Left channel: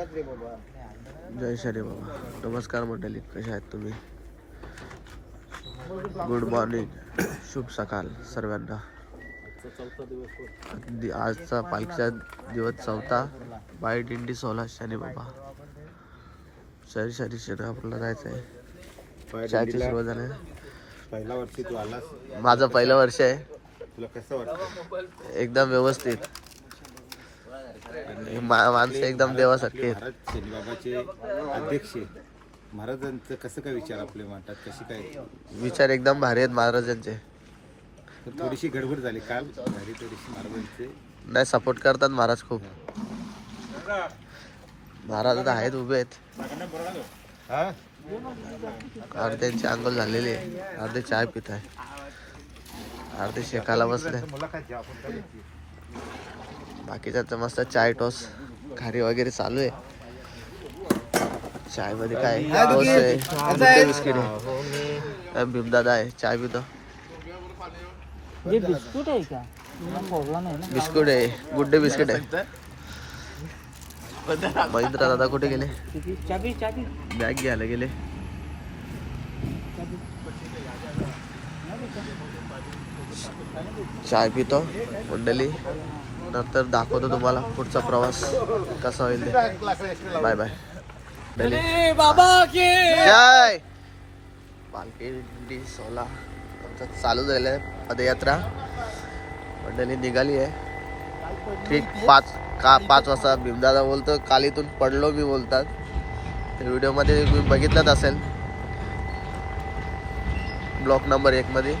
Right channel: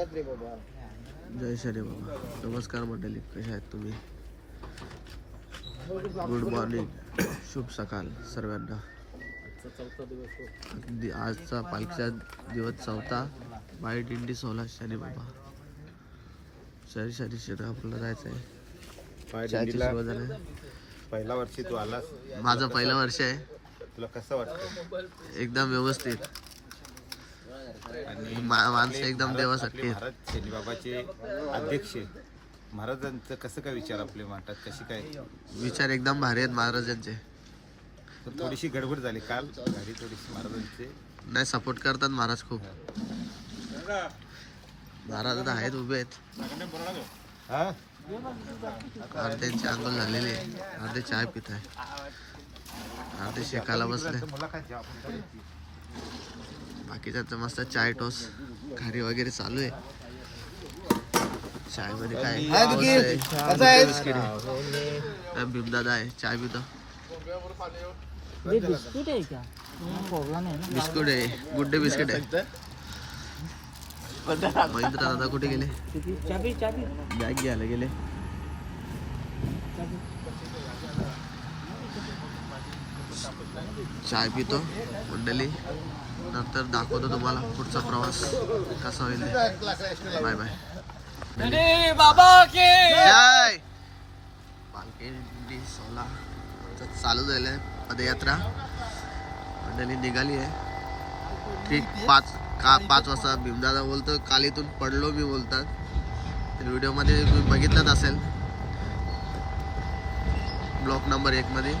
जय श्री बाबा. नमस्कार मंडळी, कशा आहेत तुम्ही? गुड मॉर्निंग, शुभ सकाळ सर्वांना. आजचा पालखीचा दिवस 4था, बाय दिंडी 16 शनी बाबा. शरी शनी आपल्याला जायचं आहे. सुरुवात झाली. पहिला वर्षी तू आलास. माझं पहिलं वर्ष आहे. तुला कसं वाटतं? एकदम व्यवस्थित. माणसं एकदम देवासारखे. महाराज शनी बाबाचे अध्यक्ष महाराजांचं कसं काय विचार आपले मांडतात, कशी काय विचार एकदम भारी आहेत महाराजांचे. तर थोडीशी गडबड झाली काल, भारी थोडीशी महाराजांचे नाही सपोर्ट करतात महाराज खूप. महाराज आता आहेत, उभे आहेत. अर्ध्यांची अंघोळ झालेली आहे, अर्धे चाय पित आहे, अर्धे शेकाला बसले. बाकीचा तर मस्त चाय टोस खारी वगैरे चालू आहे. चाय मध्ये काय टोस आहे, गुड्डे बिस्किट आहे. भीमदादा आहे, चाय पितो. बिस्कुट आहे का? बिस्कुट आहे, गुड्डे बिस्किट आहे. महेंद्र दादा कुठे गेले? चाबी बॅग घ्यायला गेले. चाय पितो मंडळी, नंतर दाखवतो तुम्हाला पुढचा प्रवास कसा होईल ते. Bye bye. बाबा के जय. पालखी दिंडी 16 चालू झालेलं आहे. पदयात्रा मंडळी निघाली आहे. ठीक 5 वाजता. भीमदादा बोलतो काल इथून पडलो मी बोलतात. तर व्हिडिओमध्ये तुम्ही बघितलंच असेल, ब्लॉक नंबर 1 मध्ये.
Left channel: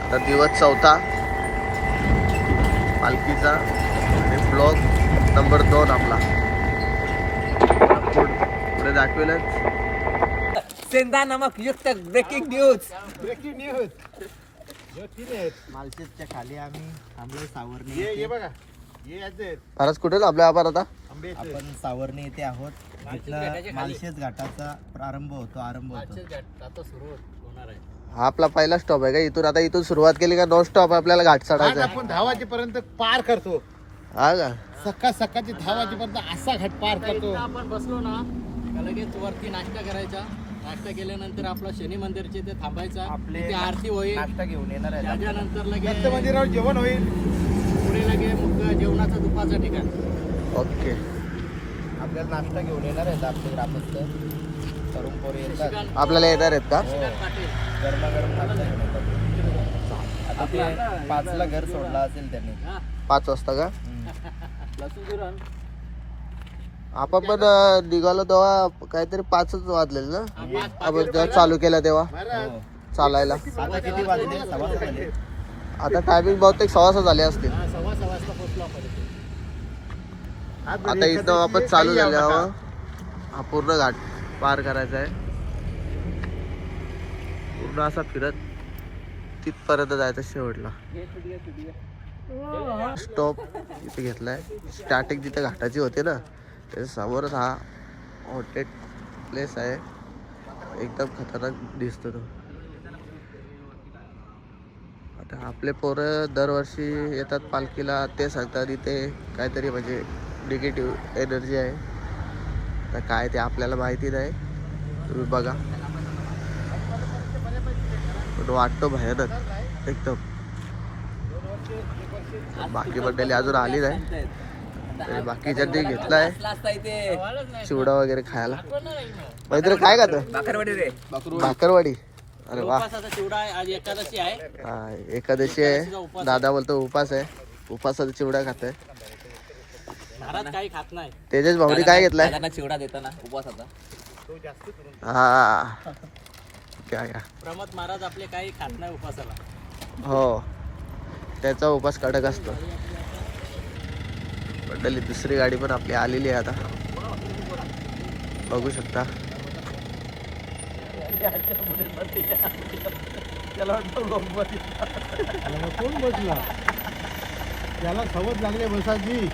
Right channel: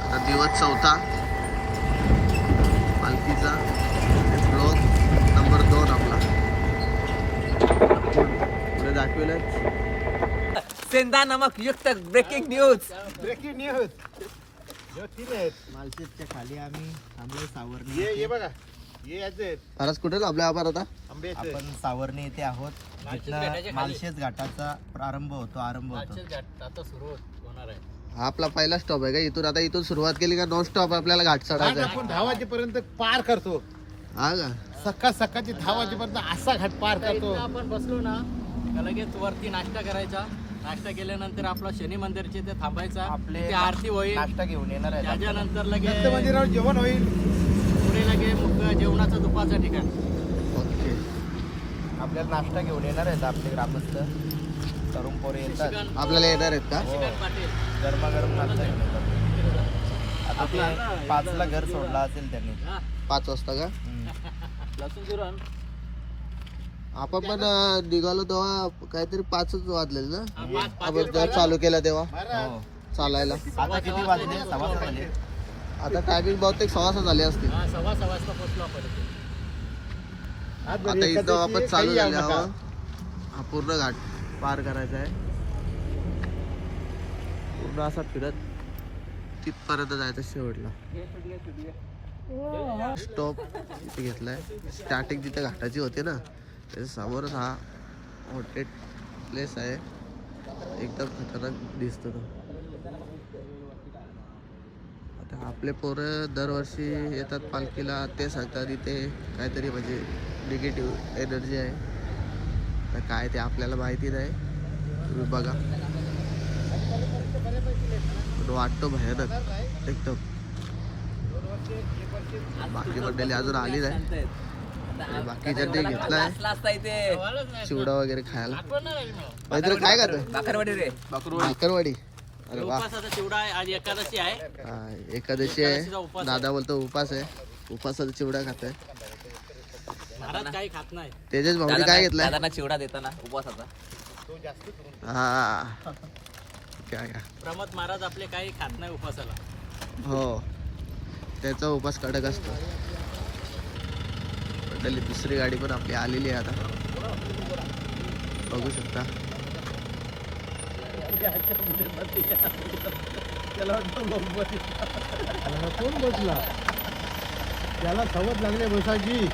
आता दिवस 4था पालखीचा आणि ब्लॉक नंबर 2 आपला पुढे दाखवेल. सेंधा नमक युक्त ब्रेकिंग न्यूज. मालशेजच्या खाली आम्ही थांबलो सावरणे. ये बघा, ये याचे महाराज कुठे आपल्या आपण आता आपण सावरणे येथे आहोत. जिथला मालशेज घाटाचा आरंभ होतो. आता सुरू होणार आहे. हा आपला पहिला स्टॉप आहे का? इथून आता इथून सुरुवात केली का नॉन स्टॉप आपल्याला घाट चढायचा? आपण 10 वाजेपर्यंत पार करतो. हा का? सकाळची 10 वाजेपर्यंत असा घाट पार करतो. आपण बसलो ना का लगेच वरती नाश्ता करायचा. नाश्ता केल्यानंतर आपला शनी मंदिरचे ते थांबायचा. आपली आरती होईल, नाश्ता घेऊन येणार आहे. त्याच्यानंतर लगेच मंदिरावर जेवण होईल. पुढे लगेच मग जेवणाचं दुपारचं ठिकाण. ओके. आपल्याला नाश्ता घेऊन येणार आहेत आपले ग्रामस्थ तरुण पोरे येतात. आपल्याला येणार आहेत का? पाटील गरमागरम नाश्ता घेऊन येतात. आता ते 5ला घर सोडला असेल त्यांनी. 5 वाजता का? लसूण जिरण आपण पण निघालो तेव्हा काहीतरी 5च वाजलेलं ना आपण जेव्हा चालू केलं तेव्हा हो. चालायला. आता किती वाजले? 6:15 वाजले. आता टायमिंग बहुतेक 6:15 झाले असतील. 6:15 वाजता पोहोचलो आपण. आता इथं आपण चालू झाल्यावर हा पूर्ण घाट पार करायचा आहे. पूर्ण असा फिरत तिथपर्यंत जायचं शेवटला. स्टॉप इथे घेतलाय. स्टार्टिंग जिथे घाटाची होते ना त्याच्या समोरच हा हॉटेल प्लेस आहे. एकदम खतरनाक दिसतो तो. आता आपले पोरं दरवर्षी येतात पालखीला. ते सांगतात इथे काहीतरी म्हणजे निगेटिव्ह एनर्जी आहे. तर काय ते आपल्याला माहिती नाही, तुम्ही बघा. पण वाटतो भयानक एकदम. बाकी मंडळी अजून आली नाही. बाकीच्या ते घेतलाय चिवडा वगैरे खायला. मैत्र काय खात? भाकरवाडी रे. भाकरवाडी. अरे वा. उपासाचा चिवडा आहे. आज एकादशी आहे. हा, एकादशी आहे. दादा बोलतो उपास आहे. उपासाचा चिवडा खाताय. महाराज काही खात नाही. तेजस भाऊनी काय घेतलाय? दादांना चिवडा देताना उपवासाचा. हा काय का? प्रमोद महाराज आपले काही खात नाही उपवासाला. हो, त्याचा उपास कडक असतो. मंडळी दुसरी गाडी पण आपली आलेली आहे आता, बघू शकता. कोण बसला? त्याला सवत लागले बसायची.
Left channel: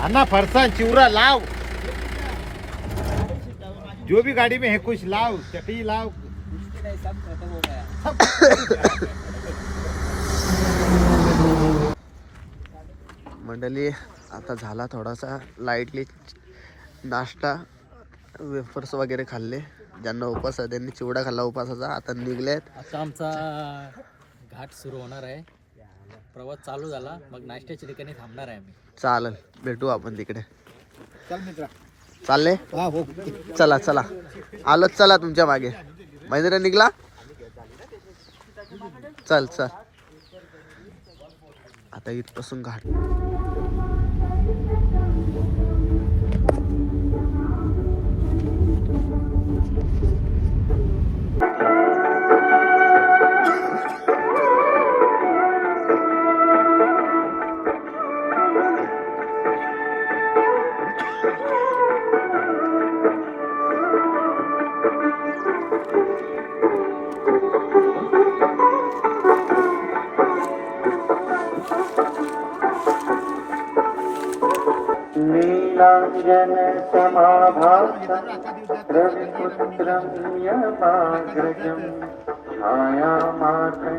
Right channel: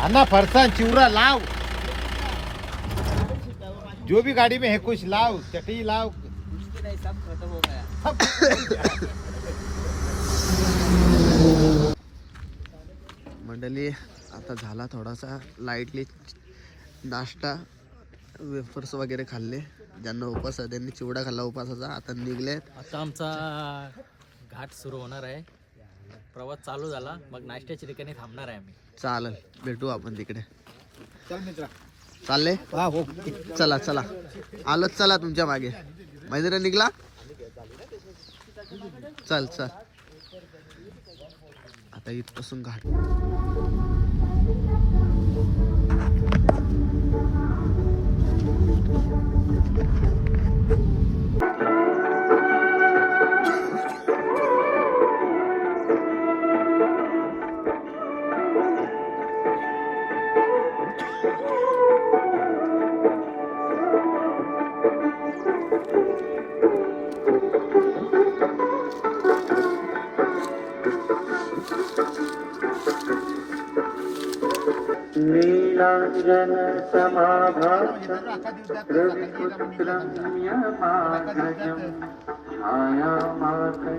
अन्ना फरसान चिवरा लाव. जो भी गाड़ी में है कुछ लाओ, चटनी लाओ. सब खत्म हो गया. मंडळी आता झाला थोडासा लाईटली नाश्ता, वेफर्स वगैरे खाल्ले. ज्यांना उपास आहे त्यांनी चिवडा खाल्ला उपासाचा. आता निघलेत. आता आमचा घाट सुरू होणार आहे. प्रवास चालू झाला मग नाश्त्याच्या ठिकाणी थांबणार आहे आम्ही. चालेल, भेटू आपण तिकडे. चल मित्रा. चालले हा हो. चला चला, आलोच. चला तुमच्या मागे. महेंद्र निघला. चल चल. आता इथपासून घाट. नीलांजन समाभासं रविपुत्रं यमाग्रजं छायामातङ्गसंयुतं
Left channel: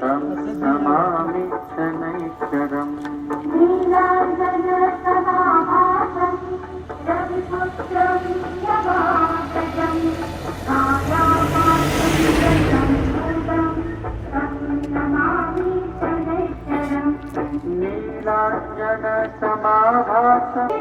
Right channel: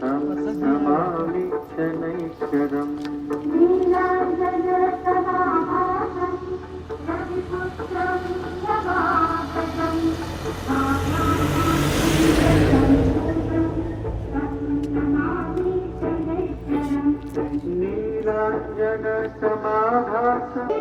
तं नमामि शनैश्वरम्. नीलांजन समाभासं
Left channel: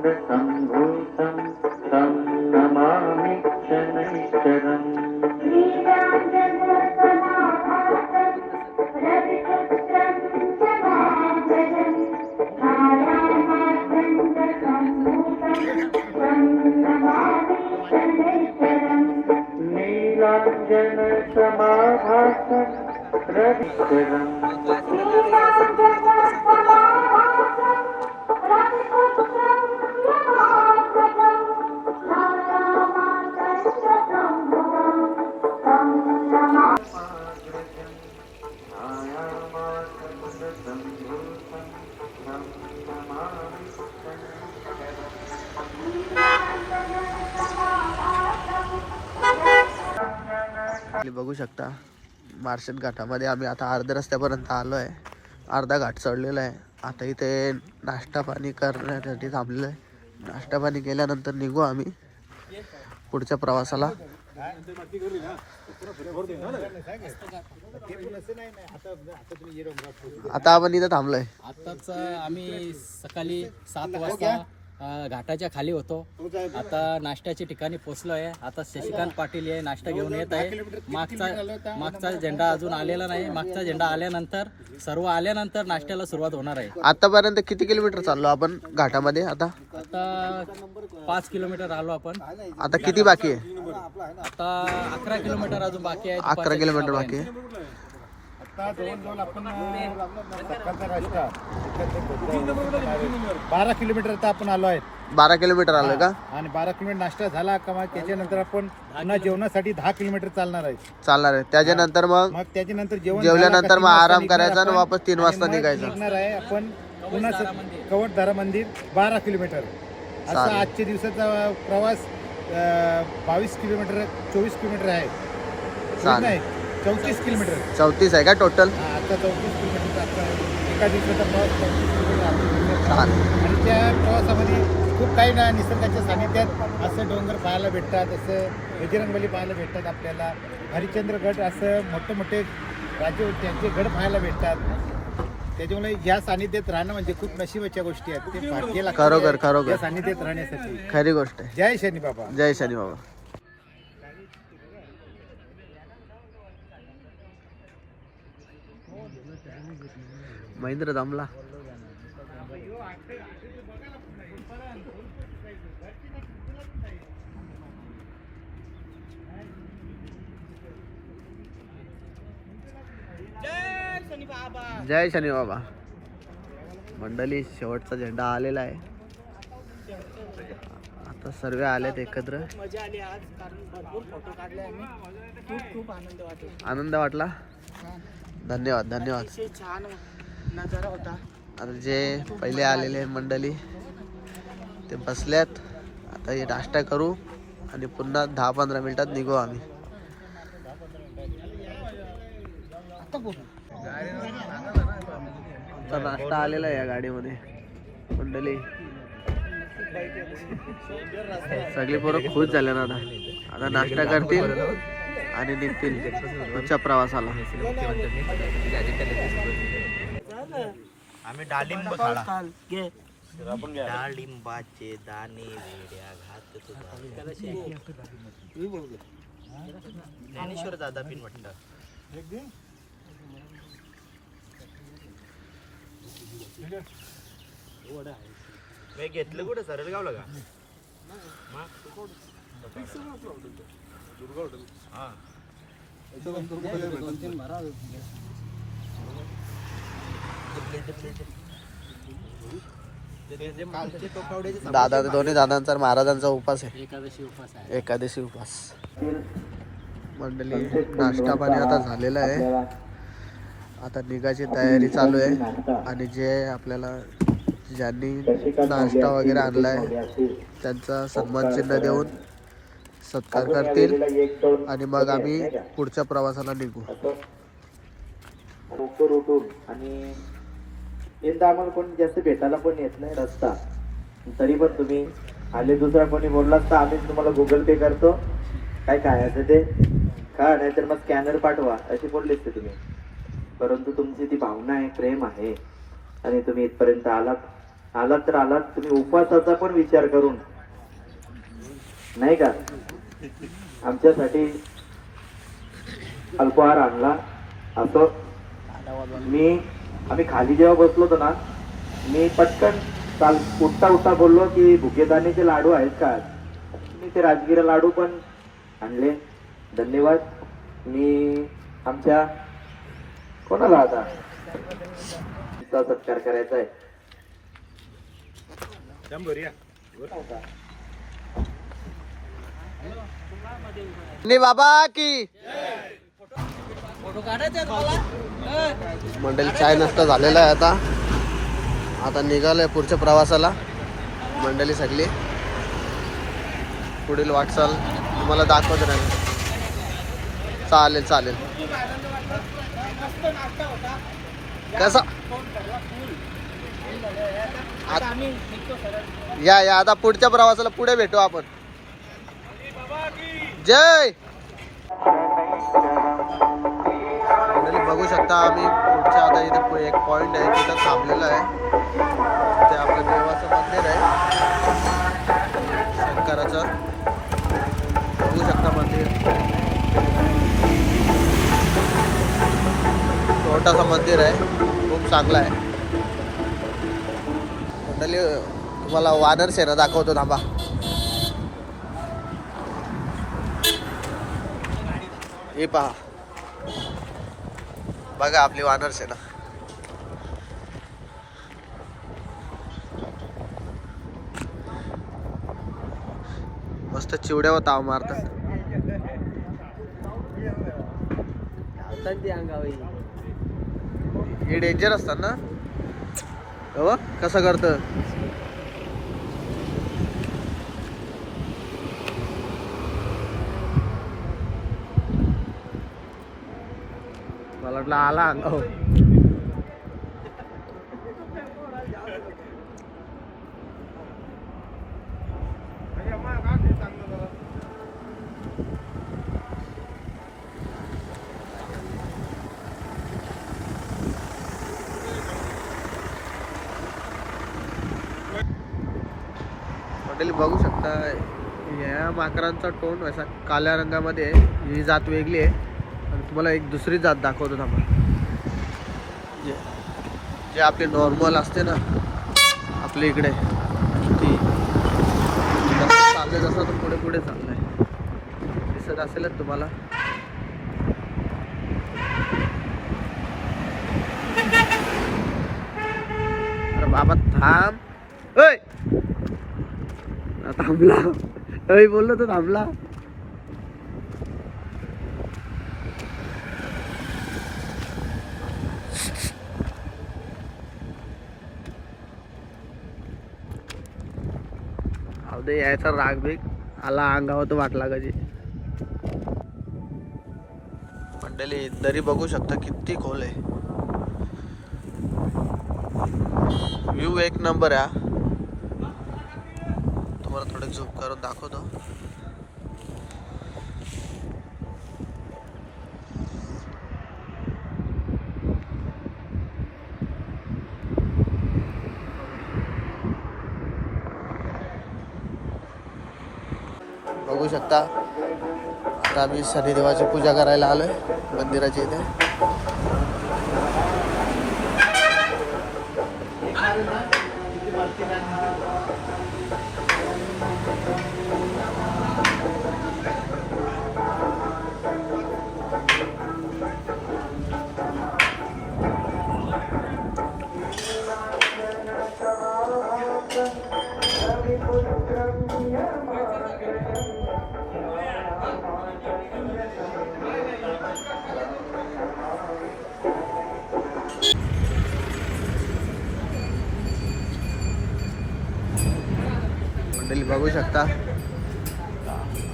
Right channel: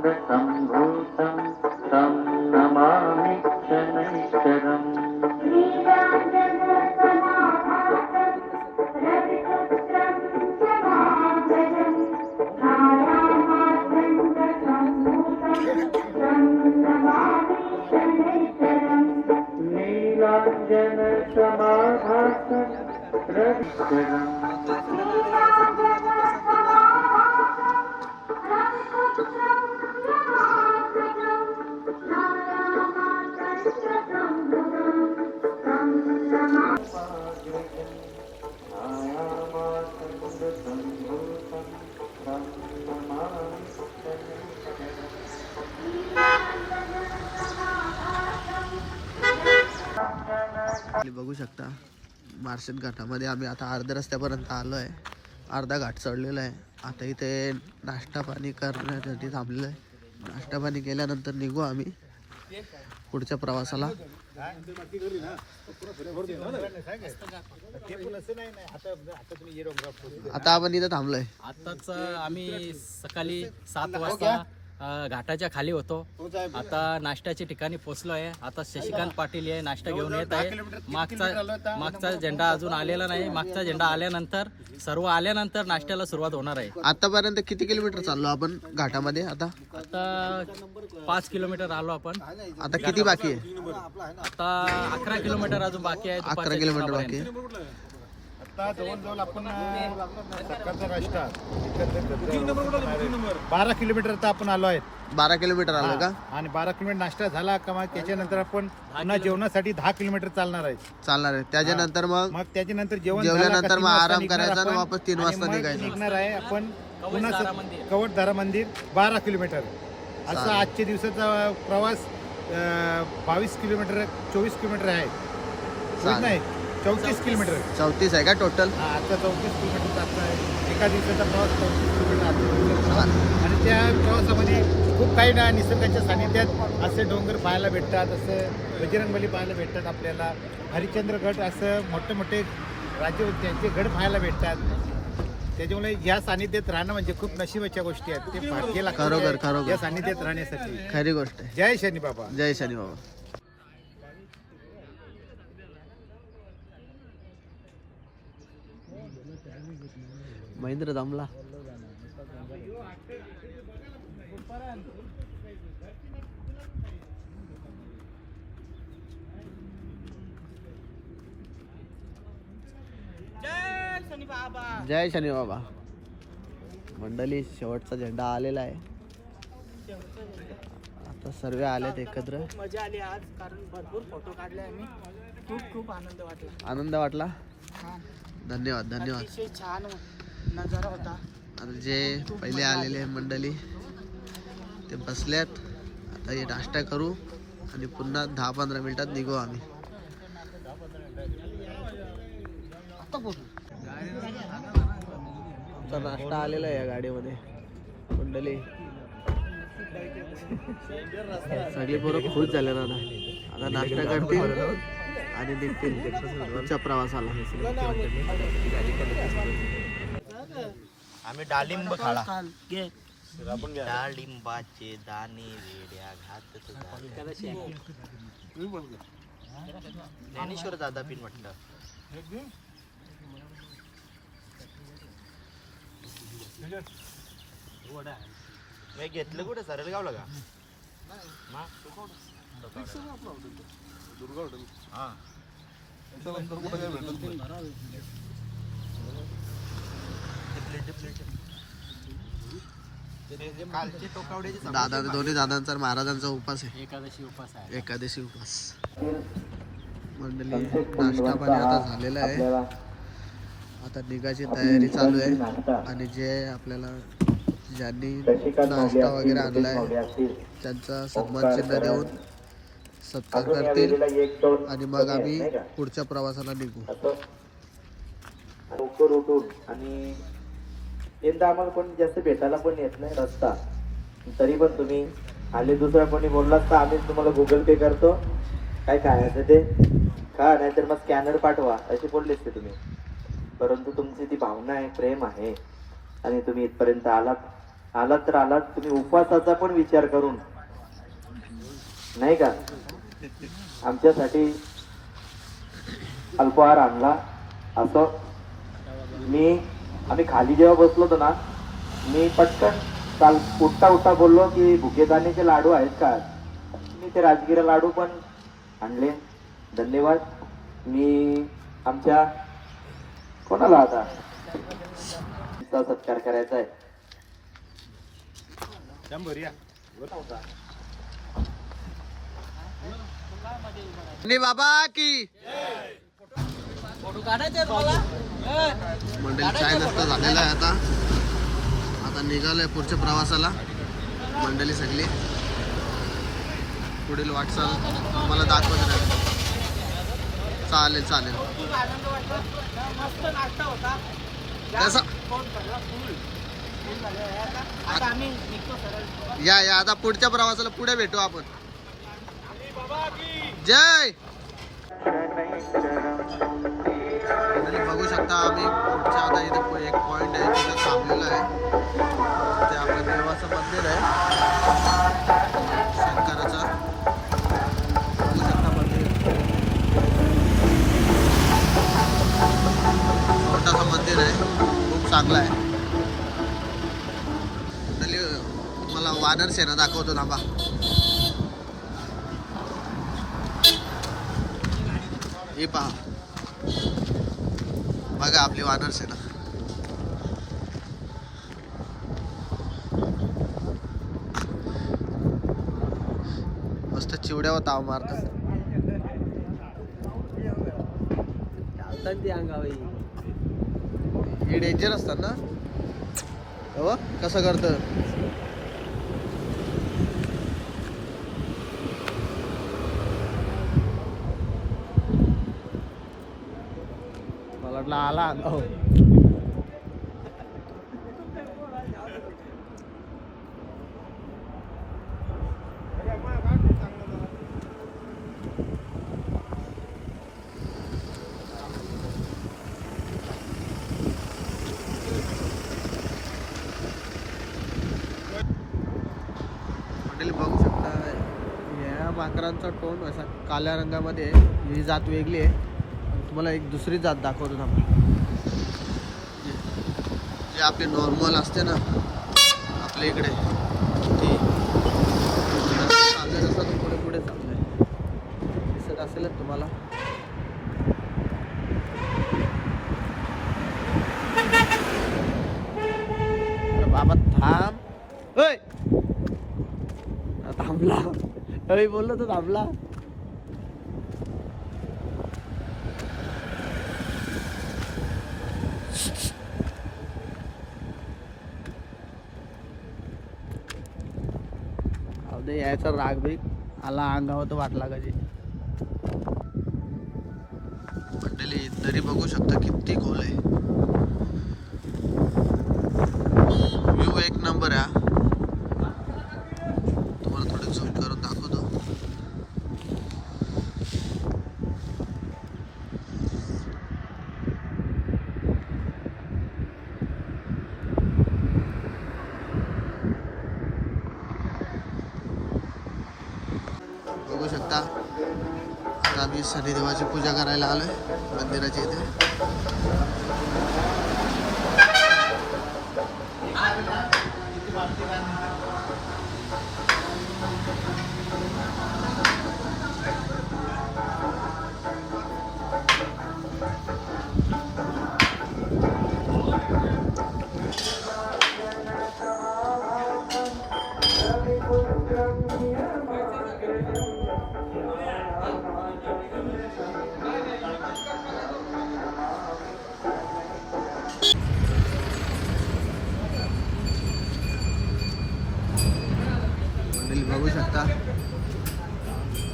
छायामातङ्गसंभूतं तं नमामि शनैश्वरम्. नीलांजन समाभासं रविचरम्. बघू शकता मार्शल घाटामध्ये आम्ही आता अर्ध्या रस्त्यापर्यंत आलो आहे. अर्धा घाट चढलेला आहे. आता इथे नाश्ता पाणी करण्यासाठी थांबलेलं आहे. नाश्ता पाणी केल्यानंतर निघू आम्ही पुढच्या प्रवासाला. आता आपण इथे थांबलोय. आताच आम्ही सकाळी 7 वाजता घाटाच्या खाली होतो. आता नाश्त्याच्या ठिकाणी पोहोचलो आहे. आता शशिकांत पाटील हे नाश्ता घेऊन येत आहे. मागचा झेंडा अजून आलेला नाही. मागचा झेंडा आल्यानंतर सर्व आल्यानंतर नाश्त्याला सुरुवात होणार आहे. आतापर्यंत किती किलोमीटर चाललो आपण घाटामध्ये? आता 5 किलोमीटर आलो आपण. आता किती बाकी आहे? आता 11 किलोमीटर अजून बाकी आहे. 11 किलोमीटर बाकी आहे. आता जवळजवळ आपण सकाळचा नाश्ता 12 किलोमीटर आता आपण आलो आहेत. 12 किलोमीटर आलोय का? आणि 12 किलोमीटर नाश्ता झाला का मग त्याच्यानंतर आपण पुन्हा जेवणासाठी 10 किलोमीटर चालणार आहे. चालणार आहे. त्याच्यानंतर मग त्याच्यानंतर जेवल्यानंतर मग आराम करायचा आणि वापस 3 वाजता निघायचं. निघणार आहे आपण पुन्हा कवटधारा मंदिर 12 किलोमीटर असा आजच्या दिवसाचा प्रवास 22 किलोमीटर 24 किलोमीटर आहे. नाही 34 किलोमीटर. 34 आहे का टोटल? आता 34 किलोमीटरचा आपला एका दिवसाचा प्रवास 34 किलोमीटर आणि त्या प्रवासामध्ये खूप काही ना निसर्गाच्या सानिध्यात असे डोंगर पाहायला भेटतात, असं बजरंगबली पाहायला भेटतात आपल्याला. हरिश्चंद्रगड असं मोठे मोठे राज्य त्यांचे गड पाहायला भेटतात. त्याच्यामुळे या सानिध्यात राहणं म्हणजे खूप नशिबाच्या गोष्टी आहेत. ते भाग्य लागतं या सानिध्यात राहण्यासाठी. खरी गोष्ट आहे. जय शनी बाबा. जय शनी बाबा. महेंद्र दमला. जय शनी बाबा. मंडळी शेवटचा झेंडा आलेला आहे. आता सर्व आलेत एकत्र. मजा आली आज, कारण भरपूर फोटो काढले आम्ही. खूप आनंद वाटला. आनंद वाटला. धन्यवाद धन्यवाद. अतिशय छान नजारा होता. आता जे पहिले आलेले मंडळी ते बसल्यात. आता हे नाश्ता करू आणि पुन्हा 10-15 मिनिटात निघू आम्ही. आमचा नाश्ता आलेला आहे या गाडीमध्ये मंडळी. सगळे पोरं खुश झाले ना. आता नाश्ता करतील आणि निघतील पुढच्या प्रवासाला. आम्ही डाळिंब खाला. डाळिंबाचे दाणे वेड्या घात ज्ञानेश्वर दादा पिन वाटतं. घेतलं कुठं सरळ गावला का? दादा दोन्ही दादांचा महाराजांचा उपास आहे. एकादशी उपास आहे. एकादशी उपास. मंडळी नाश्ता पाणी आता झालेला आहे. आता निघायची तयारी चालू आहे आणि जे आपल्याला ज्यांनी नाश्ता वगैरे आणलाय त्यांचा सन्मान चिन्ह देऊन सत्कार करतील आणि मग आम्ही पुढच्या प्रवासाला निघू. लवकर उठून आणि यंदा आम्हाला कोणी जास्त भेटायला पण येत नाही रस्ता, तरी पण तुम्ही आले. दुसरा कोणी बोललात तर आम्ही तुम्हाला गुगल पे करतो, काय खायचं ते खा, नाहीतर मग स्कॅनर पाठवा असे बोललेच ते तुम्ही. परंतु तुमची ती भावना आहे, प्रेम आहे आणि तुम्ही इथपर्यंत आलात तर आलात. तुम्ही उपवासाचा पण विचार करून नाही का आमच्यासाठी अल्पाहार आणला. असं आम्ही खाली जेव्हा बसलो होतो ना, मी पटकन काल उठता बोललो की भुकेदानीचे लाडू आहेत का. मी ते राजगिरा लाडू पण आणले. धन्यवाद. मी आमच्या कोणाला आता सत्कार करायचा आहे. बाबा की फोटो काढायचे तुम्हाला. मंडळी चाय नाश्ता झालेला आहे. आता निघालोय पुढच्या प्रवासाला. मंडळी सगळी पुढील वाटचाल तुम्हाला दाखवत राहील. चालेल चालेल. खूप आनंद वाटला. मस्त नाश्ता होता. कसा फोन करला फुल झाले. आता आम्ही निघतो सरळ. या आता पुढच्या प्रवासाला पुढे भेटू आपण. जय. मंडळी बघू शकता आम्ही पुढच्या आता इथे एक पॉइंट आहे तिथं थांबलेलं आहे. ते आपलं देवाचं मंदिर आहे शंकराचं. बघू शकता मंदिर छोटासा मंदिर आहे, खूप चांगलं आहे. मंडळी तुम्हाला वानर सेना दाखवतो थांबा. हे पहा बघा आपली वानर सेना. मस्त चिवड्यावर ताव मारतात. हे डेंजर असतात ना. हो कसं करतं. मला वाटलं आला अंगावर. मंडळी बघू शकता या माकरांचा तोंड असा काळ्या रंगामध्ये आहे. ही जात वेगळी आहे. आणि तुम्हाला एक दुसरी जात दाखवतो थांबा. जे आपले नॉर्मल असते ना आपल्या इकडे ती चालले जसं तर पुढे चाललं आहे. दिसत असेलच तुम्हाला. अरे बाबा थांब. थांबला. बोललो तर थांबला. दे यायचा राग बिग आला अंगावर तर वाटला कधी. मंडळी दरी बघू शकता किती खोल आहे. व्ह्यू एक नंबर आहे. तुम्हाला थोडं झूम करून दाखवतो. बघू शकता आता आम्ही शनिदेवाची पूजा करायला आलोय मंदिराच्या इथे. मंडळी बघू शकता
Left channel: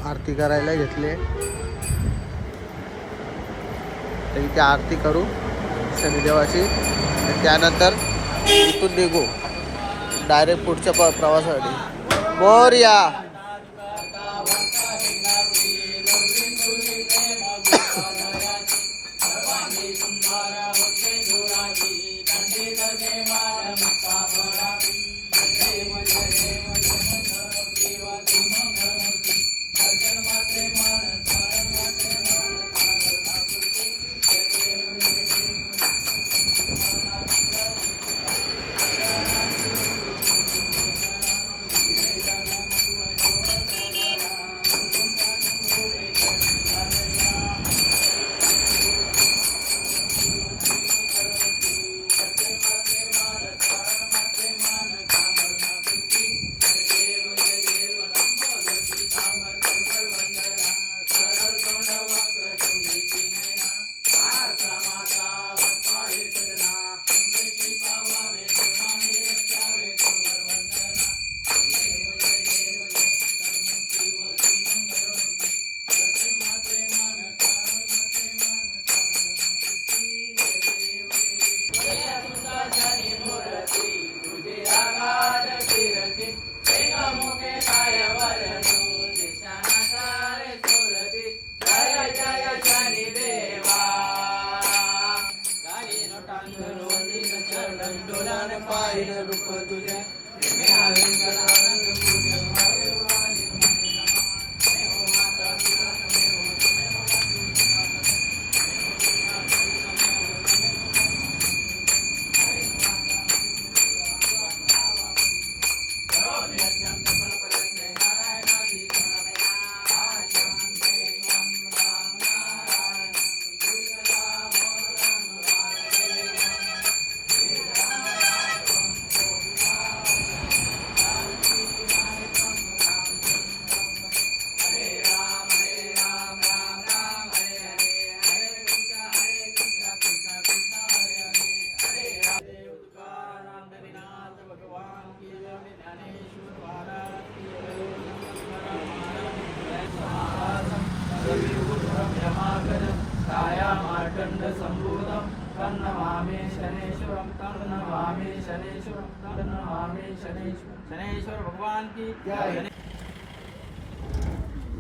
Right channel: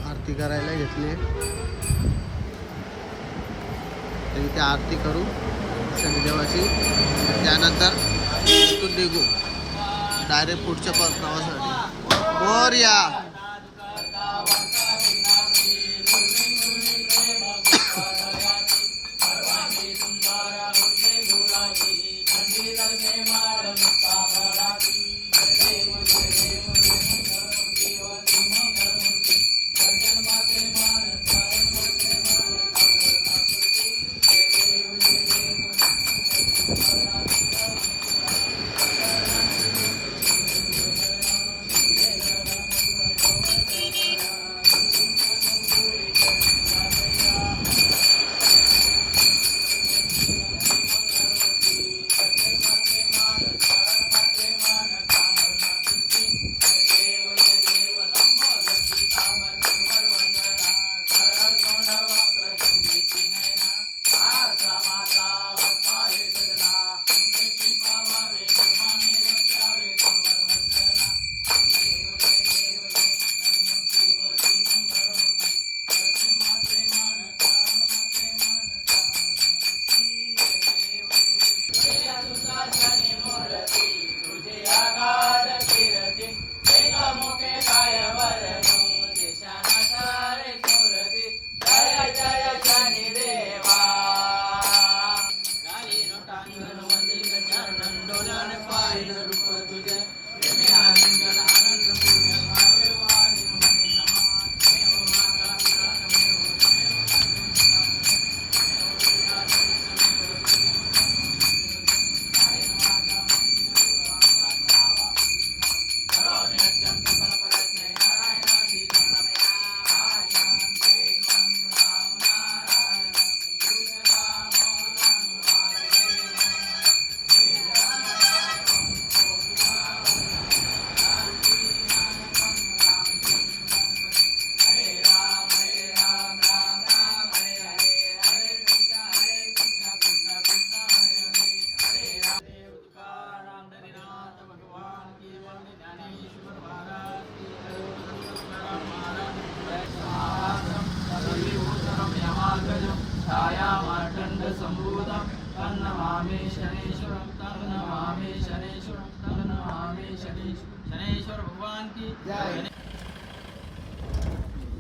आरती करायला घेतले. तर इथे आरती करू शनिदेवाची. त्यानंतर इथून निघू डायरेक्ट पुढच्या प्रवासासाठी. मोरया.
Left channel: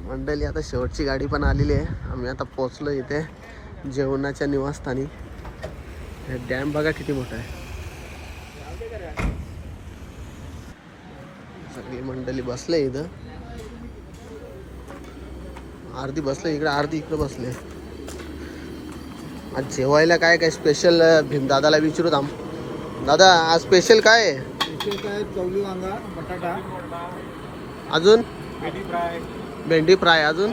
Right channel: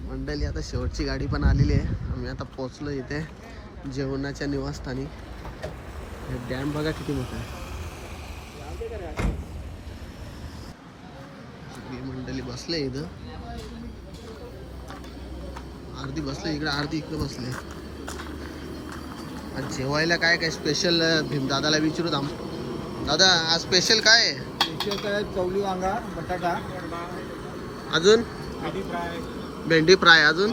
मंडळी आता शेवटची गाडी पण आलेली आहे. आम्ही आता पोहोचलो इथे जेवणाच्या निवासस्थानी. हे डॅम बघा किती मोठा आहे. सगळी मंडळी बसले इथं. अर्धी बसले इकडे अर्धी इकडे बसले. आज जेवायला काय काय स्पेशल भीमदादाला विचारू थांब. दादा आज स्पेशल काय आहे? काय चवली वांगा बटाटा अजून भेंडी फ्राय भेंडी फ्राय अजून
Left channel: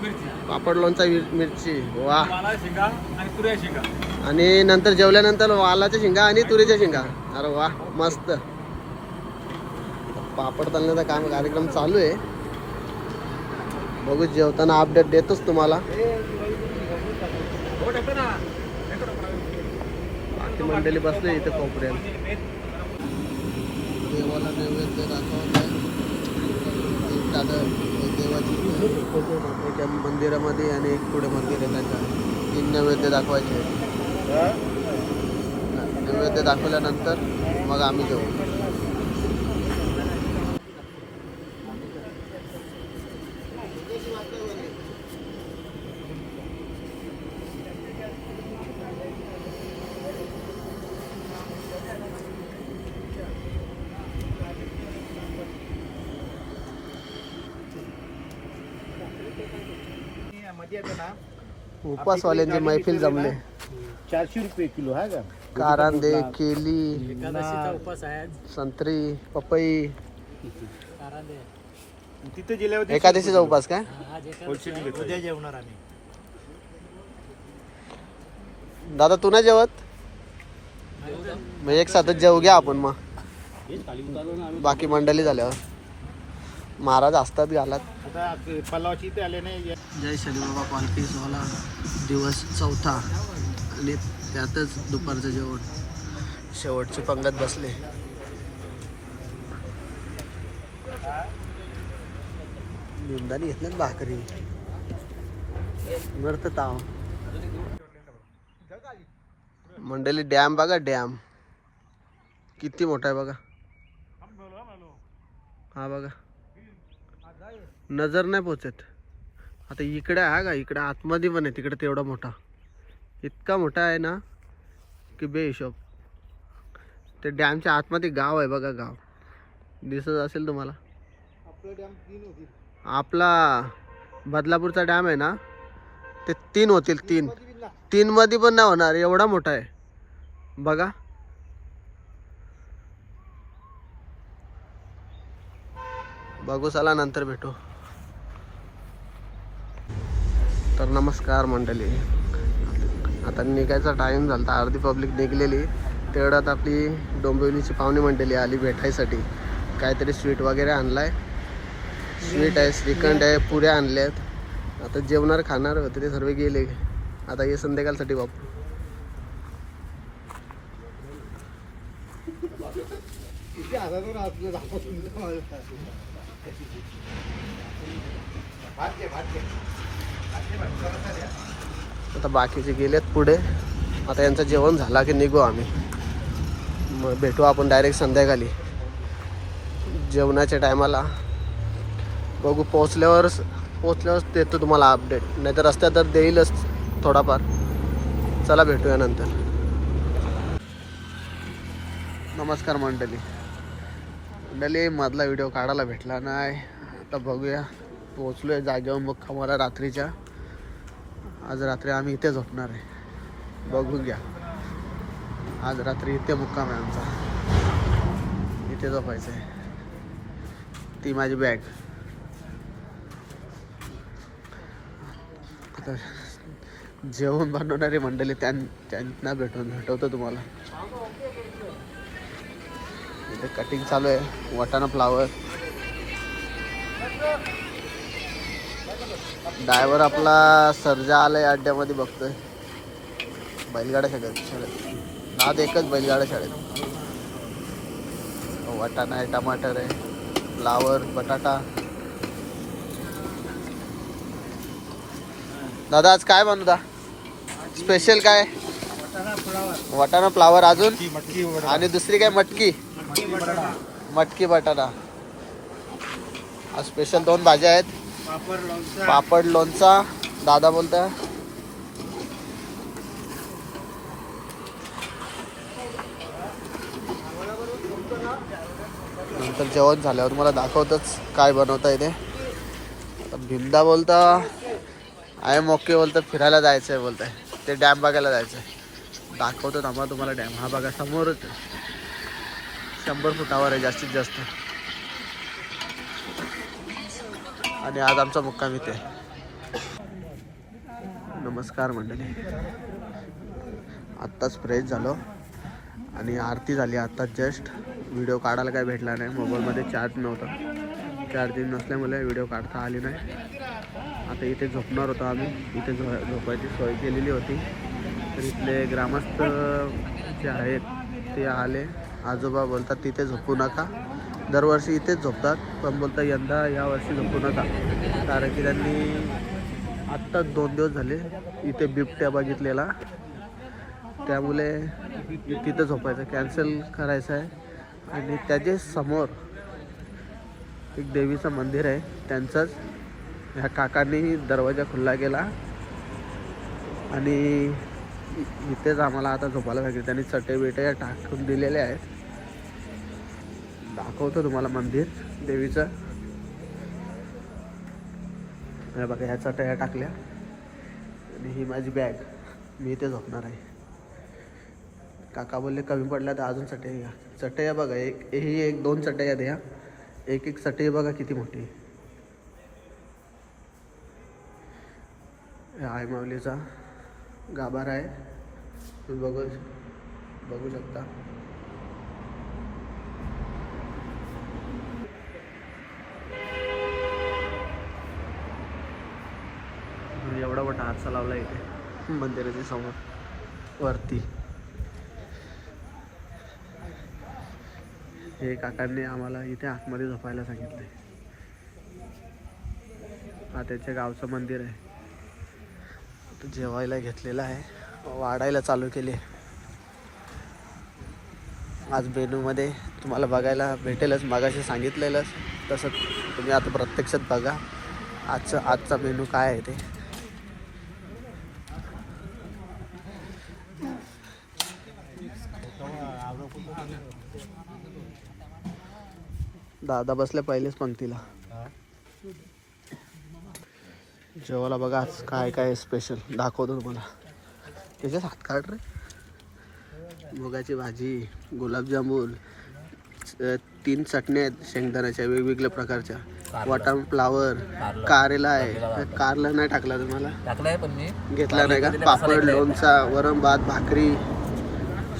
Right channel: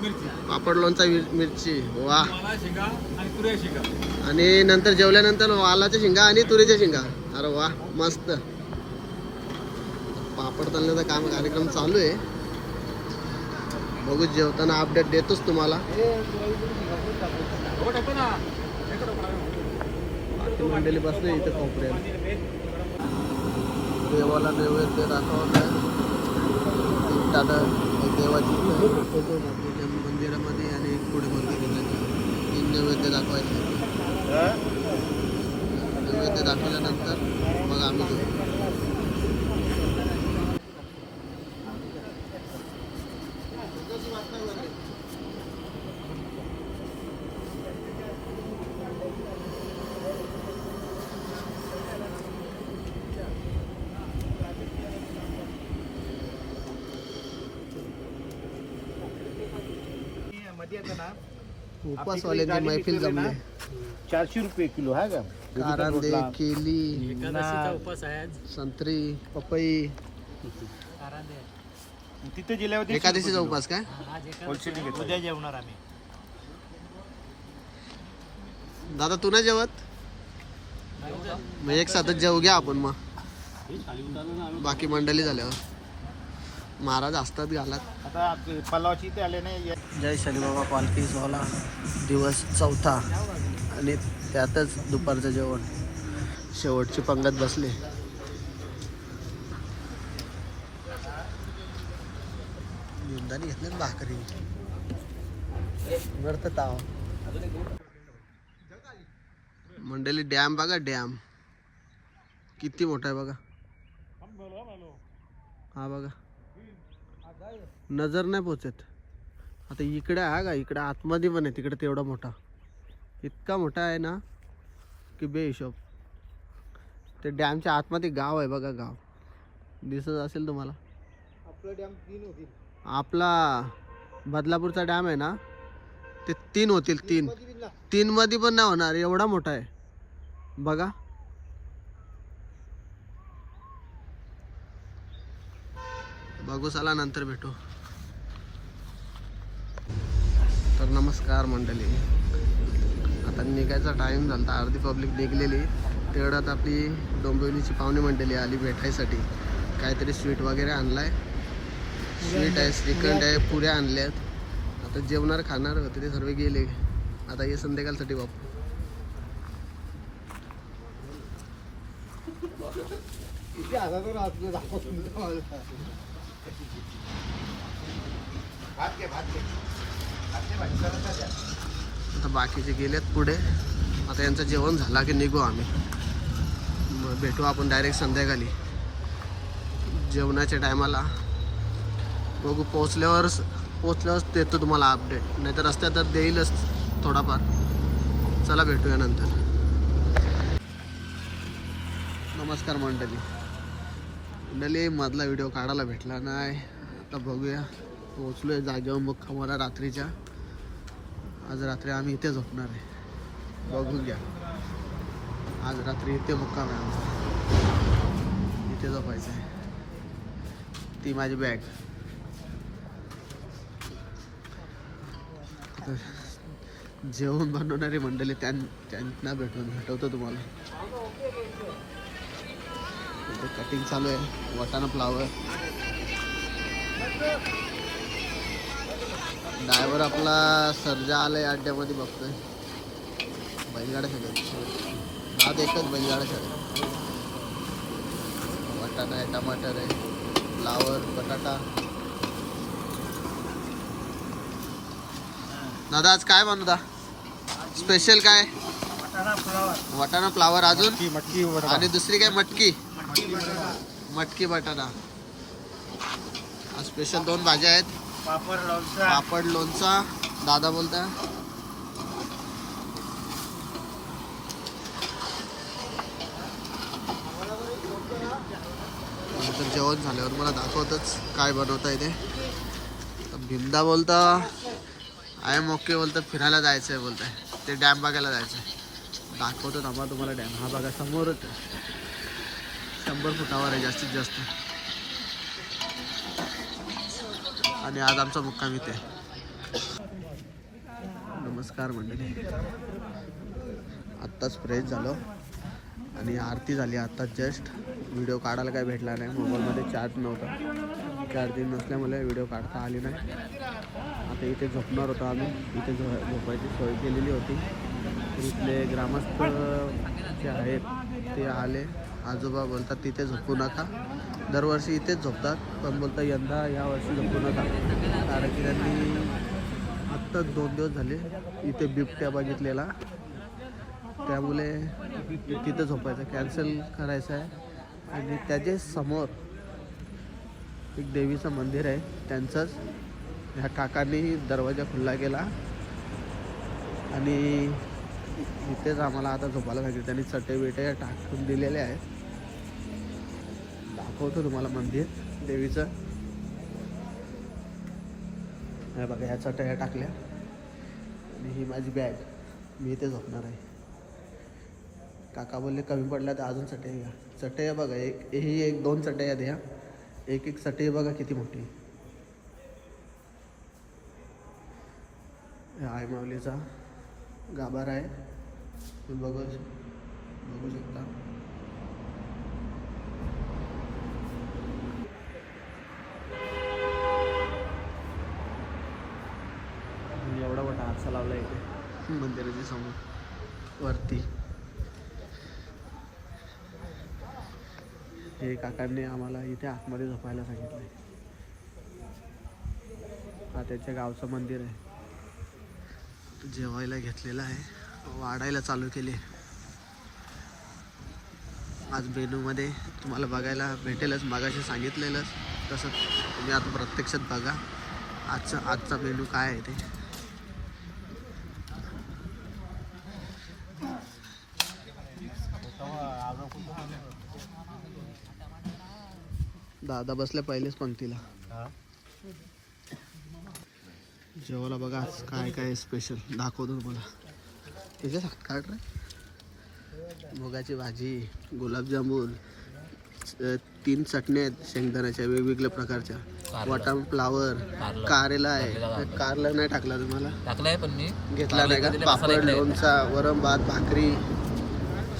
मिरची पापड लोणचा मिरची. वा. शेंगा आणि तुऱ्या शेंगा. आणि नंतर जेवल्यानंतर वालाच्या शेंगा आणि तुरीच्या शेंगा. अरे वा मस्त. पापड तळण्याचा काम कार्यक्रम चालू आहे. बघू जेवताना अपडेट देतोच तुम्हाला. मंडळी बसले इथे कोपऱ्यात. देवाला नैवेद्य दाखवलं. देवाची फोटो त्या मंदिरामध्ये आणि एक पुढे मंदिर आहे त्याच्या 3 नैवेद्य दाखवायचे. नैवेद्य दाखवल्यानंतर मग आम्ही जाऊ. मध्ये येतं ना उपासवाल्यांची मैफिल जमले. 400 रुपये किलो हा का. कारांदे, केली, एकादशीचा उपास आहे आज. संत्री, पपई. कारांदे. तिथे जिल्ह्यावर एकादशीचा उपास काय? आज एकादशी आहे. उद्या जेवणार आम्ही. दादा तू नाही जेवत? मग एक साथच जेवू घ्या आपण मग. बाकी मंडळी झाल्यावर महाराज असतात घालात. आता पल्लावची इथे आले नाही. जय शनिबाबा पालखी सोहळा दिवस 4था आणि त्यातच दुपारचं जेवण. शेवटची पंगत बसले. निंदानी घेतल्यात भाकरी वरत ताव. मंडळी डॅम बघा, डॅम किती मोठा आहे बघा. हा बघा, नजर नाही पोचत. आता इकडे आहे का, इकडे आतमध्ये पण आहे, तिकडे तेवढा मोठा, इतका मोठा आहे ना की बेहिशोब. ते डॅमच्या आतमध्ये गाव आहे बघा, गाव दिसत असेल तुम्हाला. आपला बदलापूरचा डॅम आहे ना, ते 3 होतील. 3 मध्ये पण नाही होणार, एवढा मोठा आहे बघा. बघू चला, नंतर भेटू. तर नमस्कार मंडळी, आता निघायचा टाईम झाला. अर्धी पब्लिक निघलेली. तेवढ्यात आपली डोंबिवलीची पाहुणी मंडळी आली भेटायसाठी. काहीतरी स्वीट वगैरे आणलाय. स्वीट आहे, श्रीखंड आहे, पुऱ्या आणल्यात. आता जेवणार खाणार होते ते सर्व गेले. आता ये संध्याकाळसाठी बापू. आता बाकीचे गेलेत पुढे. आता यांचं जेवण झाला की निघू आम्ही. मग भेटू आपण डायरेक्ट संध्याकाळी जेवणाच्या टायमाला. बघू पोचल्यावर देतो तुम्हाला अपडेट, नाही तर रस्त्यात तर देईलच थोडाफार. चला भेटूया नंतर. नमस्कार मंडळी. मधला व्हिडिओ काढायला भेटला नाही. आता बघूया. पोचलोय जागेवर मुक्कामाला रात्रीच्या. आज रात्री आम्ही इथे झोपणार आहे. बघून घ्या, आज रात्री इथे मुक्काम आहे आमचा. इथे झोपायचं आहे. ती माझी बॅग. आता जेवण बनवणारी मंडळी त्यांना भेटवतो तुम्हाला. इथे कटिंग चालू आहे. वाटाणा फ्लावर. ड्रायव्हर आपला सर्जा आलाय अड्ड्यामध्ये, बघतोय. बैलगाड्या शाळेत आज एकच बैलगाड्या शाळेत. वाटाणा आहे, टमाटर आहे, फ्लावर, बटाटा. दादा आज काय बनवता स्पेशल? काय? वाटाणा फ्लावर. अजून? आणि दुसरी काय? मटकी बटाटा. आज स्पेशल 2 भाज्या आहेत. पापड, लोणचा. दादा बोलता. नंतर जेवण झाल्यावर तुम्हाला दाखवतच काय बनवता येते. आता भिंदा बोलता आहे, मोके बोलतं फिरायला जायचं आहे बोलताय. ते डॅम बघायला जायचं आहे. दाखवतो आम्हाला तुम्हाला डॅम. हा बघा समोरच आहे. 100 फुटावर आहे जास्तीत जास्त. आणि आज आमचा मुक्काम इथे. नमस्कार मंडळी. आत्ताच फ्रेश झालो आणि आरती झाली आत्ताच जस्ट. व्हिडिओ काढायला काय भेटला नाही, मोबाईलमध्ये चार्ज नव्हता. चार्जिंग नसल्यामुळे व्हिडिओ काढता आली नाही. आता इथे झोपणार होतो आम्ही. इथे झोपायची सोय केलेली होती. तर इथले ग्रामस्थ जे आहेत ते आले. आजोबा बोलतात तिथे झोपू नका. दरवर्षी इथेच झोपतात, पण बोलतात यंदा यावर्षी झोपू नका, कारण की त्यांनी आत्ताच 2 दिवस झाले इथे बिबट्या बघितलेला. त्यामुळे तिथं झोपायचं कॅन्सल करायचं आहे. आणि त्याच्या समोर एक देवीचं मंदिर आहे त्यांचंच. ह्या काकांनी दरवाजा खुल्ला केला आणि इथेच आम्हाला आता झोपायला पाहिजे. त्यांनी चटे बिटे टाकून दिलेले आहेत. दाखवतो तुम्हाला मंदिर देवीचं. हे बघा ह्या चटया टाकल्या आणि ही माझी बॅग. मी इथे झोपणार आहे. काका बोलले कमी पडल्या तर अजून चटया घ्या. चटया बघा ही 2 चटया द्या. एक चटई बघा किती मोठी. आई माऊलीचा गाभारा आहे. बघू शकता. एवढा मोठा आरसा लावला इथे मंदिराच्या समोर वरती. हे काकांनी आम्हाला इथे आतमध्ये झोपायला सांगितलंय. हा त्याच्या गावचं मंदिर आहे. जेवायला घेतलेलं आहे, वाढायला चालू केले. आज मेनूमध्ये तुम्हाला बघायला भेटेलच, मागाशी सांगितलेलंच तसं तुम्ही आता प्रत्यक्षात बघा आजचा मेनू काय आहे ते. दादा बसले पहिलेच पंक्तीला. जेवायला बघा आज काय काय स्पेशल दाखवतो तुम्हाला. त्याच्यात हात काढ रे. मुगाची भाजी, गुलाबजामुन, 3 चटण्या आहेत शेंगदाण्याच्या वेगवेगळ्या प्रकारच्या, वाटाणा फ्लावर, कारेला आहे. कारला नाही टाकला तुम्हाला, टाकलाय पण मी घेतला नाही का. पापड, लोणचा, वरण भात, भाकरी,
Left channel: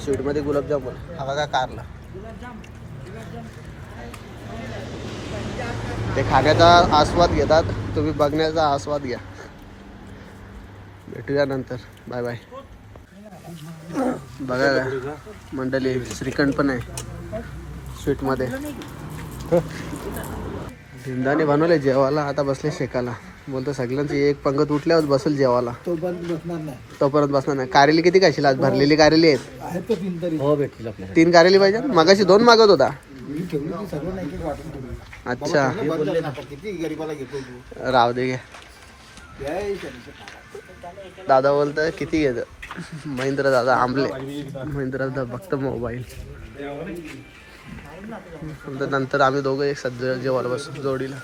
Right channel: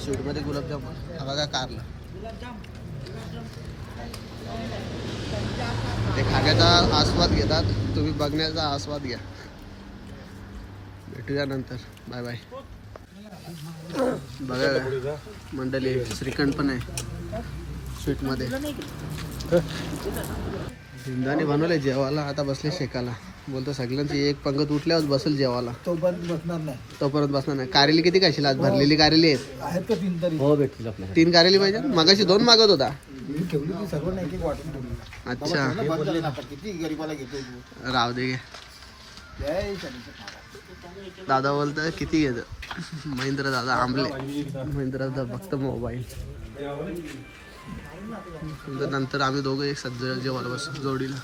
स्वीटमध्ये गुलाबजामुन. हा बघा कारला. ते खाण्याचा आस्वाद घेतात, तुम्ही बघण्याचा आस्वाद घ्या. भेटूया नंतर. Bye bye. बघा मंडळी श्रीखंड पण आहे स्वीटमध्ये. भिंदाने बनवले जेवायला. आता बसले शेकाला. बोलतो सगळ्यांची एक पंगत उठल्यावर बसेल जेवायला. तोपर्यंत बसणार नाही. कारेली किती खाशील आज? भरलेली कारेली आहेत. हो भेटतील आपल्याला. 3 कारेली पाहिजे. मगाशी 2 मागत होता. अच्छा राव दे घे. दादा बोलतोय किती घेत. महेंद्र दादा आंबले. महेंद्र दादा बघतो मोबाईल. नंतर आम्ही दोघं एक सध्या जेवायला बसतो जोडीला.